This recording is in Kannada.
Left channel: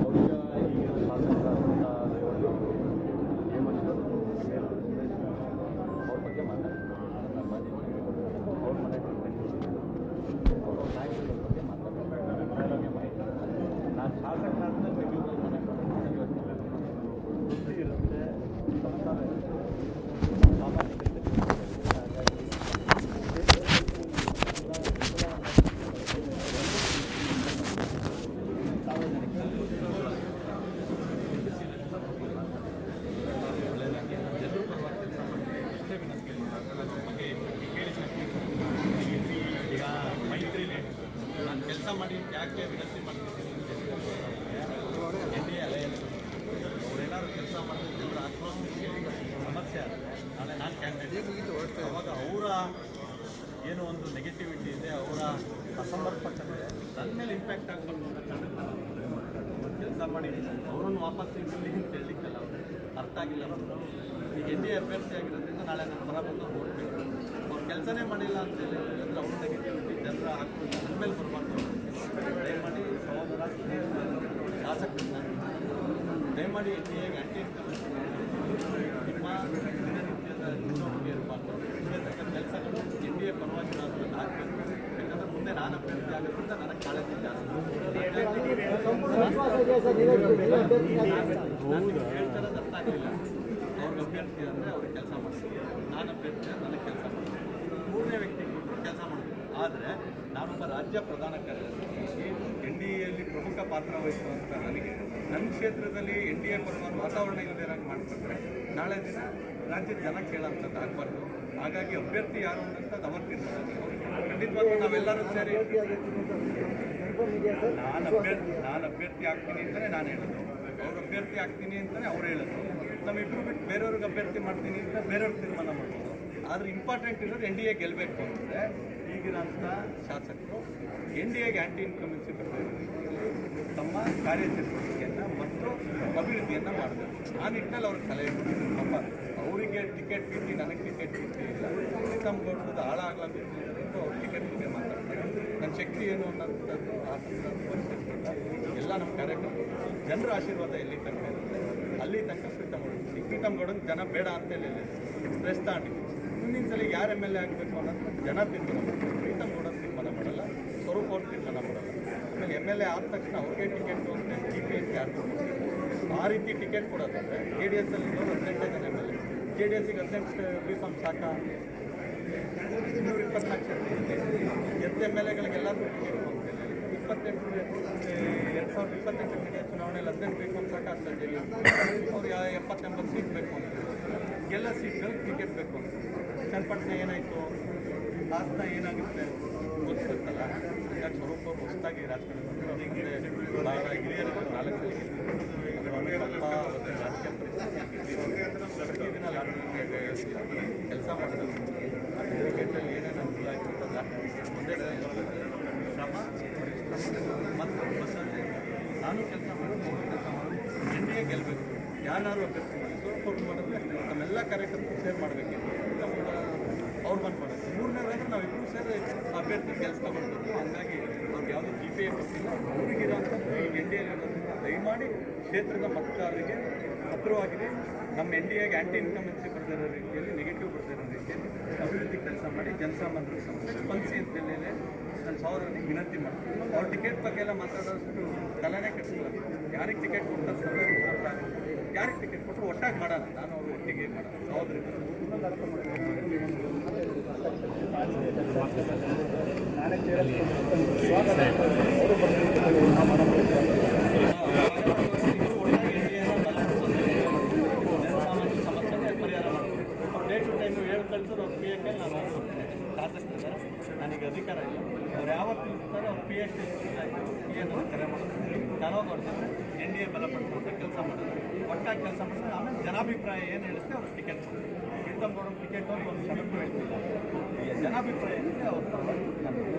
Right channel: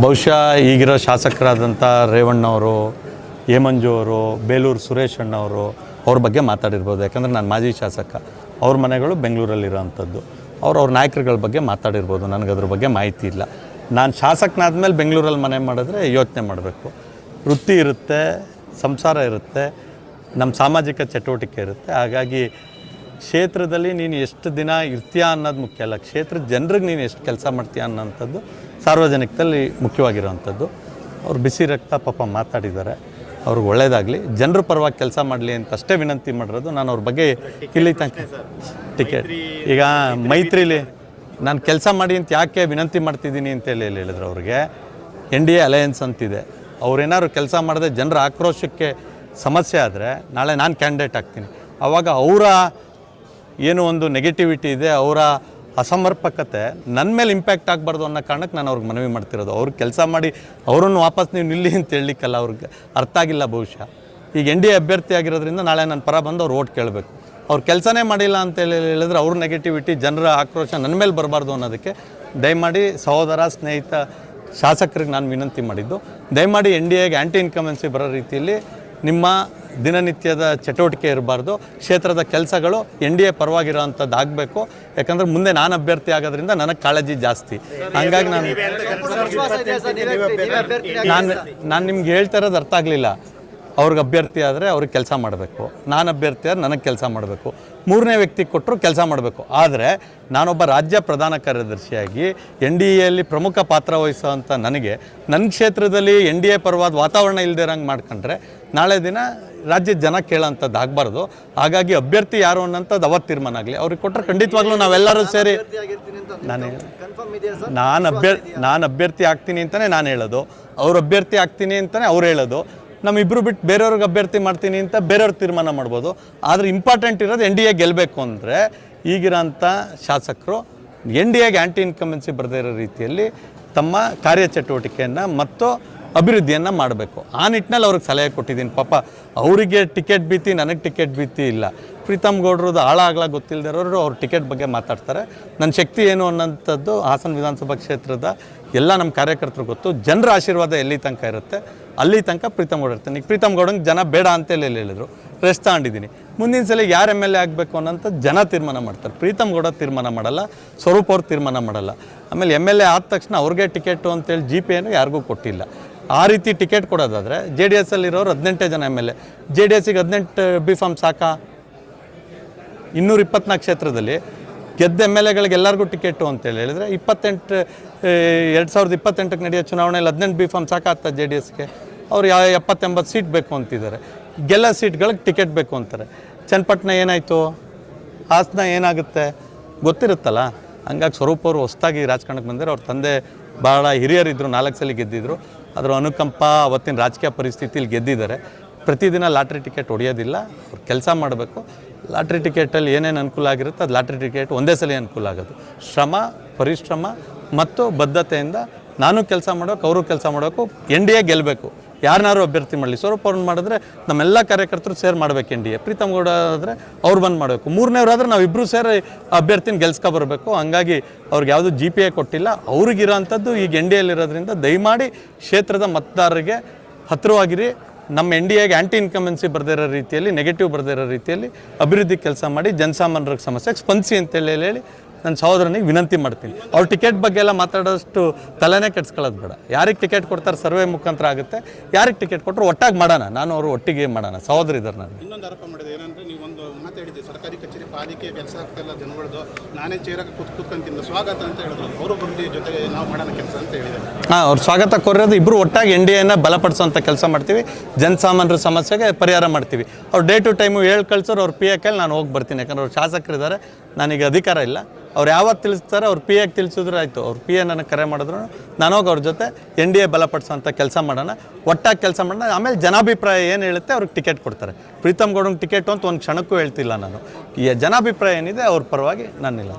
ಬಹುಶಃ ಈಗಿರೋ ಶಾಸಕರಾದಂಥ ರೇವಣ್ಣವರು, ಹೇಮಂಜು ಅವರು, ಬೇಲೂರು ಸುರೇಶ್ ಅಣ್ಣವರು ಅವ್ರ ಬಗ್ಗೆ ಮಾತಾಡಿರ್ಬೋದು. ಯಾಕಂದರೆ ನಾನು ಮಾಜಿ ಶಾಸಕ, ಅವ್ರ ಮನೆಗಳು ಬೆಂಗಳೂರಲ್ಲಿರೋವಂಥದ್ದು. ಅವ್ರ ನಾಯಕರುಗಳ ಬಗ್ಗೆ ಮಾತಾಡಿರ್ಬೋದು. ನನಗದ್ರ ಬಗ್ಗೆ ಮಾಹಿತಿ ಇಲ್ಲ. ನಾನು ಶಾಸಕನಾದ್ಮೇಲೆ ಬೆಂಗಳೂರಲ್ಲಿ ಮನೆ ಮಾಡಿದ್ರೆ ಯೋಚನೆ ಮಾಡಬೇಕು. ವೃತ್ತಿ ಇರುತ್ತೆ, ಸಂಸಾರ ಇರುತ್ತೆ, ನಮ್ಮ ಸಾಮಾಜಿಕ ಚಟುವಟಿಕೆ ಇರುತ್ತೆ. ಹಾಗಾಗಿ ಕ್ಷೇತ್ರದಲ್ಲಿ ನೀನು ಎಷ್ಟು ದಿನ ಇರ್ತೀಯ ಅನ್ನೋದು ಮುಖ್ಯ ಅಲ್ಲ, ಕ್ಷೇತ್ರದ ಜನರಿಗೆ ನೀನು ಎಷ್ಟು ಕೆಲಸ ಮಾಡ್ತೀಯ ಅನ್ನೋಂಥದ್ದು ಸಾರ್ವಜನಿಕದಲ್ಲಿ ಮುಖ್ಯವಾಗಿರೋವಂಥದ್ದು. ಅವ್ರು ಬಿಸಿ ರಕ್ತ ಪಾಪ ಮಾತಾಡಿದ್ದಾರೆ, ಅವ್ರಿಗೆ ಒಳ್ಳೆಯದಾಗಲಿ, ಜನರ ಪರವಾಗಿ ಕೆಲಸ ಮಾಡಲಿ ಅಂತ ಅಷ್ಟೇ ವಿನಂತಿ ಮಾಡಿರೋದು. ನಾನು ಅವ್ರ ಬಗ್ಗೆ ಇಲ್ಲಿ ತನಕ ಟಿಕೆಟ್ ಈಗ ಮೈತ್ರಿಲಿ ನಾನು ಕೆಲಸ ಮಾಡಿ ಅಂತ ಯಾಕೆ ವಿನಂತಿ ಮಾಡ್ತಿದ್ದೀನಿ ಅಂತೇಳಿ ಹೇಳಿದ್ರು. ಅವ್ರಿಗೆ NDA ಅಲಯನ್ಸ್ ಅಂತಿದೆ. ಅವ್ರೇನಾದ್ರು ಕೆಲಸ ಮಾಡಿದ್ರೆ ಜನರ ಆಕ್ರೋಶಕ್ಕೆ ಸಮಸ್ಯೆ ಆದರೆ ನಾಳೆ ನಾನು ಕ್ಯಾಂಡಿಡೇಟ್ ಆಗ್ತೀನಿ. ಆವಾಗ ಅವರ ಏನೋ ಒಂದು ನೆಗೆಟಿವಿಟಿ ಇದೆ, ಅವರ ಅಸಮರ್ಪಕತೆ ನನ್ನ ಮೇಲೆ ಇಂಪ್ಯಾಕ್ಟ್ ಆಗಬಾರ್ದು ಅನ್ನೋ ಕಾರಣಕ್ಕೆ ನಾನು ಅವ್ರಿಗೆ ಮನವಿ ಮಾಡ್ತಿರೋದು. ಅವ್ರಿಗೆ ಕೆಲಸ ಮಾಡಿ ಅವರನ್ನು ವಾಪಸ್ ನೀವು ನಿಲ್ಲಿ ಅಂತ ಹೇಳಲಿಕ್ಕಲ್ಲ, ಅವ್ರಿಗೆ ಅರ್ಥ ಆಗಿಲ್ಲ ಬಹುಶಃ. ಈಗ NDA ಅಭ್ಯರ್ಥಿ ಆಗಿರೋದ್ರಿಂದ ನಾಳೆ ನನ್ನ ಪರ ಬಂದು ಅವ್ರು ಓಟ್ ಕೇಳಬೇಕು. ಅವ್ರು ಕೆಲಸನೇ ಮಾಡಿಲ್ಲ ಅಂತ ಹೇಳಿದ್ರೆ ಅವ್ರ ನೆಗೆಟಿವಿಟಿ, ಜನರ ಆಕ್ರೋಶ ನನ್ನ ಮೇಲೆ ಬರಬಾರ್ದು ಅನ್ನೋದಕ್ಕೆ ದಯಮಾಡಿ ಸಹೋದರ, ಸ್ನೇಹಿತ, ಶಾಸಕರಿಗೆ ನಾನು ವಿನಂತಿ ಮಾಡಿದ್ದು, ದಯಮಾಡಿ NDAಗೆ ಆ್ಯಂಟಿ ಇನ್ಕಮೆನ್ಸಿ ಬರೋ ರೀತಿಯಲ್ಲಿ ನಿಮ್ಮ ದಿನನಿತ್ಯದ ಚಟುವಟಿಕೆ ಇರಬಾರ್ದು. ಕ್ಷೇತ್ರದ ಕೆಲಸಗಳು NDA ಪರವಾಗಿರೋವಂಥದ್ದು ಆಗಬೇಕು. ಯಾಕಂದರೆ ಮುಂದೆ ನಾನು ಅಭ್ಯರ್ಥಿ ಆಗೋದ್ರಿಂದ ನನಗೆ ಕಾಳಜಿ ಜಾಸ್ತಿ. ಹಂಗಾಗಿ ನಾನು ನಿಮ್ಗೆ ಹೇಳ್ತಾ ಇರೋದು ಅರ್ಥ ಆಗಲಿಲ್ಲ. ಅವ್ರಿಗೆ ಅಭ್ಯರ್ಥಿ ಆದರೆ ಅವ್ರಿಗೆ ಕೆಲಸ ಮಾಡಬೇಕು, ನಾನು ಅಭ್ಯರ್ಥಿ ಆದರೆ ನನಗೆ ಕೆಲಸ ಮಾಡಬೇಕು, ಮೂರನೇ ವ್ಯಕ್ತಿ ಕೊಟ್ಟರು ಕೆಲಸ ಮಾಡಬೇಕು. ಆದರೆ ನಾನೊಬ್ಬ ರಾಜ್ಯ ಪ್ರಧಾನ ಕಾರ್ಯದರ್ಶಿಯಾಗಿ NDAಯಲ್ಲಿ ಪ್ರಮುಖ ಪಾತ್ರ ವಹಿಸುವಂಥ ನನಗೆ ನನ್ನ ಕ್ಷೇತ್ರದಲ್ಲಿ NDA ಪರವಾದ ವಾತಾವರಣ ಇಲ್ಲದೆ ಇರೋಂಗೆ ಮಾಡ್ಕೊಂಡ್ರೆ ನಾಳೆ ದಿನ ರಾಜ್ಯದ ಜನ ಕೇಳೋಂಥದ್ದು ಆಗಬಾರ್ದು. ಹಾಗಾಗಿ ಅಭ್ಯರ್ಥಿ ಯಾರು ಅನ್ನೋಂಥದ್ದು ಅವತ್ತು ತೀರ್ಮಾನ ಆಗಲಿ. ಅವ್ರಿಗೆ ಕೊಟ್ಟರೆ ಖಂಡಿತವಾಗ್ಲೂ ನಾವೆಲ್ಲರೂ ಸೇರಿ ನಾನು ಅಭ್ಯರ್ಥಿ ಆಗ್ತೀನಿ ಅಂತಲೇ ನಾನು ಹೇಳೋದು, ಅವ್ರು ಅಭ್ಯರ್ಥಿ ಆಗ್ತೀನಿ ಅಂತಲೇ ಅವ್ರು ಹೇಳೋದು. ನಮ್ಮಿಬ್ಬರು ಬಿಟ್ಟು ಬೇರೆಯವ್ರಿಗೆ ಅಭ್ಯರ್ಥಿ ಮಾಡ್ತೀನಿ ಅಂತ ಬೇರೆಯವ್ರು ತೀರ್ಮಾನ ಮಾಡ್ಬೋದು. ಆದರೆ ಇಂಪಾರ್ಟೆಂಟ್ ಇರೋದು NDA ಗೆಲ್ಲಬೇಕು ಅಂದರೆ ಈಗಿರೋಂಥ ಶಾಸಕರು NDAಗೆ ಆ್ಯಂಟಿ ಇನ್ಕಮೆನ್ಸಿ ಬರದೇ ಇರೋ ರೀತಿಯಲ್ಲಿ ತಮ್ಮ ಕಾರ್ಯಚಟುವಟಿಕೆಯನ್ನು ಮತ್ತು ಅಭಿವೃದ್ಧಿಯನ್ನು ಮಾಡಬೇಕು. ಆ ನಿಟ್ಟಿನಲ್ಲಿ ಅವ್ರಿಗೆ ಸಲಹೆ ಕೊಟ್ಟಿದ್ದೀನಿ. ಪಾಪ ಅವರಿಗೆ ಟಿಕೆಟ್ ಭೀತಿ, ನನಗೆ ಟಿಕೆಟ್ ಭೀತಿ ಇಲ್ಲ. ಪ್ರೀತಮ್ ಗೌಡ್ರದ್ದು ಆಳ ಗೊತ್ತಿಲ್ಲದಿರೋರು ಅವ್ರ ಟಿಕೆಟ್ ಬಗ್ಗೆ ಮಾತಾಡ್ತಾರೆ. ನನ್ನ ಶಕ್ತಿ ಏನು ಅನ್ನೋಂಥದ್ದು ಹಾಸನ ವಿಧಾನಸಭಾ ಕ್ಷೇತ್ರದ ಎಲ್ಲ ನಮ್ಮ ಕಾರ್ಯಕರ್ತರು ಗೊತ್ತು. ಜನರ ಆಶೀರ್ವಾದ ಎಲ್ಲಿ ತನಕ ಇರುತ್ತೆ ಅಲ್ಲಿ ತನಕ ಪ್ರೀತಮ್ ಗೌಡ ಇರ್ತಾನೆ. ಈಗ ಪ್ರೀತಮ್ ಗೌಡಂಗೆ ಜನ ಬೇಡ ಅಂತೇಳಿ ಹೇಳಿದರು, ರೆಸ್ಟ್ ತಗೊಂಡಿದ್ದೀನಿ. ಮುಂದಿನ ಸಲ ಯಾರು MLA ಆಗಬೇಕು ಅನ್ನೋಂಥದ್ದು ಜನ ತೀರ್ಮಾನ ಮಾಡ್ತಾರೆ. ಪ್ರೀತಮ್ ಗೌಡ ತೀರ್ಮಾನ ಮಾಡಲ್ಲ, ಸ್ವರೂಪ್ ಅವ್ರು ತೀರ್ಮಾನ ಮಾಡಲ್ಲ. ಆಮೇಲೆ MLA ಆದ ತಕ್ಷಣ ಅವ್ರಿಗೆ ಟಿಕೆಟು ಅಂತೇಳಿ GPಯನ್ನು ಯಾರಿಗೂ ಕೊಟ್ಟಿಲ್ಲ. ಆ ರೀತಿ ಟಿಕೆಟ್ ಕೊಡೋದಾದರೆ JDS ಅಲ್ಲಿರೋರು 18 ಜನ MLA, JDSಗೆ 18 B.Pharm ಸಾಕಾ? 224 ಕ್ಷೇತ್ರದಲ್ಲಿ ಗೆದ್ದ MLAಗಳಿಗೆ ಎಲ್ಲರಿಗೂ ಟಿಕೆಟು ಅಂತೇಳಿ ಹೇಳಿದರೆ 2028ಕ್ಕೆ ನಡೆಯೋ ಚುನಾವಣೆಯಲ್ಲಿ 18 B.Pharm ಸಾಕಾಗ್ತಾ JDSಗೆ? ಅವ್ರು 70-80 ಸೀಟ್ ಬೇಕು ಅಂತಿದ್ದಾರೆ. ಗೆಲ್ಲ ಸೀಟ್ಗಳಿಗೆ ಟಿಕೆಟ್ ಬೇಕು ಅಂತಾರೆ. ಚನ್ನಪಟ್ಟಣ ಏನಾಯಿತು, ಹಾಸನ ಏನಾಗುತ್ತೆ ಗೊತ್ತಿರುತ್ತಲ್ಲ. ಹಂಗಾಗಿ ಸ್ವರೂಪ್ ಅವರು ಹೊಸದಾಗಿ ರಾಜಕಾರಣಕ್ಕೆ ಬಂದರೆ ಅವ್ರ ತಂದೆ ಭಾಳ ಹಿರಿಯರಿದ್ದರು, 4 ಸಲ ಗೆದ್ದಿದ್ರು. ಅದರ ಅನುಕಂಪ, ಅವತ್ತಿನ ರಾಜಕೀಯ ಪರಿಸ್ಥಿತಿಯಲ್ಲಿ ಗೆದ್ದಿದ್ದಾರೆ. ಪ್ರತಿದಿನ ಲಾಟ್ರಿ ಟಿಕೆಟ್ ಹೊಡೆಯೋದಿಲ್ಲ, ಕೆಲಸ ಮಾಡಬೇಕು. ಲಾಟ್ರಿ ಟಿಕೆಟಲ್ಲಿ ಏನೇನು ಅನುಕೂಲ ಆಗಿರುತ್ತೆ ಅದು ಲಾಟ್ರಿ ಟಿಕೆಟ್ ಒಂದೇ ಸಲ ಅನುಕೂಲ ಆಗೋದು. ಶ್ರಮ, ಪರಿಶ್ರಮ ಮತ್ತು ಬದ್ಧತೆಯಿಂದ ನಾನು ಕೆಲಸ ಮಾಡೋಕೆ, ಅವರು ಕೆಲಸ ಮಾಡೋಕ್ಕೂ NDA ಗೆಲ್ಲಬೇಕು. ಯಾರನ್ನಾರು ಅಭ್ಯರ್ಥಿ ಮಾಡಲಿ, ಸ್ವರೂಪ್ ಅವ್ರನ್ನ ಮಾಡಿದ್ರೆ ನಮ್ಮೆಲ್ಲ ಕಾರ್ಯಕರ್ತರು ಸೇರಿ ಮಾಡಬೇಕು. NDA ಪ್ರೀತಮ್ ಗೌಡ ಆದರೆ ಅವ್ರು ಬಂದು ಮಾಡಬೇಕು. ಮೂರನೇವರಾದರೆ ನಾವಿಬ್ಬರು ಸೇರಿ ಅಭ್ಯರ್ಥಿನ ಗೆಲ್ಸ್ಕೊಬರ್ಬೇಕು. ಹಂಗಾಗಿ ಅವ್ರಿಗೆ ಯಾವುದು GPA ಕೊಟ್ಟಿಲ್ಲ. ಅವ್ರಿಗಿರೋಂಥದ್ದು ಈಗ NDAಯಲ್ಲಿರೋದ್ರಿಂದ ದಯಮಾಡಿ ಕ್ಷೇತ್ರದ ಮತದಾರರಿಗೆ ಹತ್ತಿರವಾಗಿರಿ. ನಮ್ಮ NDAಗೆ ಆ್ಯಂಟಿ ಇನ್ಕಮೆನ್ಸಿ ಬರದೇ ಇರೋ ರೀತಿಯಲ್ಲಿ, ನೆಗೆಟಿವ್ ಬರದೇ ಇರೋ ರೀತಿಯಲ್ಲಿ ಅಭಿವೃದ್ಧಿ ಕೆಲಸ ಮಾಡಿ ಜನಸಾಮಾನ್ಯರ ಸಮಸ್ಯೆಗೆ ಸ್ಪಂದಿಸಿ ಅಂತೇಳಿ ಹೇಳಿ ನನ್ನ ಸಹೋದರನಿಗೆ ವಿನಂತಿ ಮಾಡ್ತೀನಿ. ಅವ್ರ ಟಿಕೆಟ್ ಬಗ್ಗೆ ಎಲ್ಲ ಮಾತಾಡೋಷ್ಟು ತಲೆನೇ ಕೆಡ್ಸ್ಕೊಳ್ಳೋದು ಬೇಡ. ಯಾರಿಗೆ ಟಿಕೆಟ್ ಕೊಡ್ತಾರೆ ಸರ್ವೆ ಮುಖಾಂತರ ಆಗುತ್ತೆ. ಯಾರಿಗೆ ಟಿಕೆಟ್ ಕೊಟ್ಟರು ಒಟ್ಟಾಗಿ ಮಾಡೋಣ, ನಾನು ಅವರು ಒಟ್ಟಿಗೆ ಮಾಡೋಣ. ಸಹೋದರ ಇದ್ದಾರೆ. ನಾನು ಇನ್ನೊಂದು ಆರೋಪ ಮಾಡಿದೆ ಏನಂದರೆ, ನೀವೊಂದು ಮಾತು ಹೇಳಿದ್ದೀವಿ, ಸರ್ಕಾರಿ ಕಚೇರಿ ಪಾಲಿಕೆಯ ಕೆಲಸ ಆಗ್ತಾಯಿಲ್ಲ ಜನಗಳದು, ನಾನೇ ಚೇರಕ್ಕೆ ಕೂತ್ಕೊಂತಿಲ್ಲ ಸ್ವಾಗತ ಅಂತ ಹೇಳಿದ್ರು. ಅವರು ಬಂದು ಜೊತೆಗೆ ನಾವು ಮಾಡೋಣ ಕೆಲಸ ಅಂತ ಹೇಳಿದ್ದಾರೆ. ಅವ್ರು ಸ್ವಾಗತ ಕೋರೋದು ಇಬ್ಬರು ಒಟ್ಟಾಗಿ NDAನ ಬಲಪಡಿಸೋಂಥ ಕೆಲಸ ಮಾಡ್ತೀವಿ. ಜನಸಾಮಾನ್ಯರ ಸಮಸ್ಯೆಗೆ ಪರಿಹಾರ ಮಾಡ್ತೀವಿ. ಅವ್ರು ಡೇ ಟು ಟೈಮು ಹೇಳಿ ಕಳ್ಸೋರು ಅವ್ರ PAಕಲ್ಲಿ ನಾನು ಹೋಗಿ ಬರ್ತೀನಿ. ಯಾಕಂದ್ರೆ ಅವ್ರು ಶಾಸಕರಿದ್ದಾರೆ, ನನಗೆ ಅಧಿಕಾರ ಇಲ್ಲ. ಅವ್ರು ಯಾವತ್ತು ತಿಳಿಸ್ತಾರೆ ಅವ್ರು PAಗೆ ತಿಳಿಸಿದ್ರೆ ಆಯಿತು. ಅವ್ರು PA ನನಗೆ ಕರೆ ಮಾಡಿದ್ರು ನಾನು ಹೋಗಿ ಅವ್ರ ಜೊತೆ NDA ಬಲಪಡಿಸೋಂಥ ಕೆಲಸ ಮಾಡೋಣ, ಒಟ್ಟಾಗಿ ಕೆಲಸ ಮಾಡೋಣ. ಆಮೇಲೆ ಜನಾಭಿಪ್ರಾಯ ಏನು ಹೇಳುತ್ತೆ ಅವ್ರಿಗೆ ಟಿಕೆಟ್ ಕೊಡ್ತಾರೆ. ಪ್ರೀತಮ್ ಗೌಡಂಗೆ ಟಿಕೆಟು ಅಂತ ಒಂದು ಕ್ಷಣಕ್ಕೂ ಹೇಳ್ತಿಲ್ಲ ನಾನು. ಈ ಜನಾಭಿಪ್ರಾಯ ಏನಿದೆ ಅವ್ರ ಪರವಾಗಿ ನಾನಿಲ್ಲ.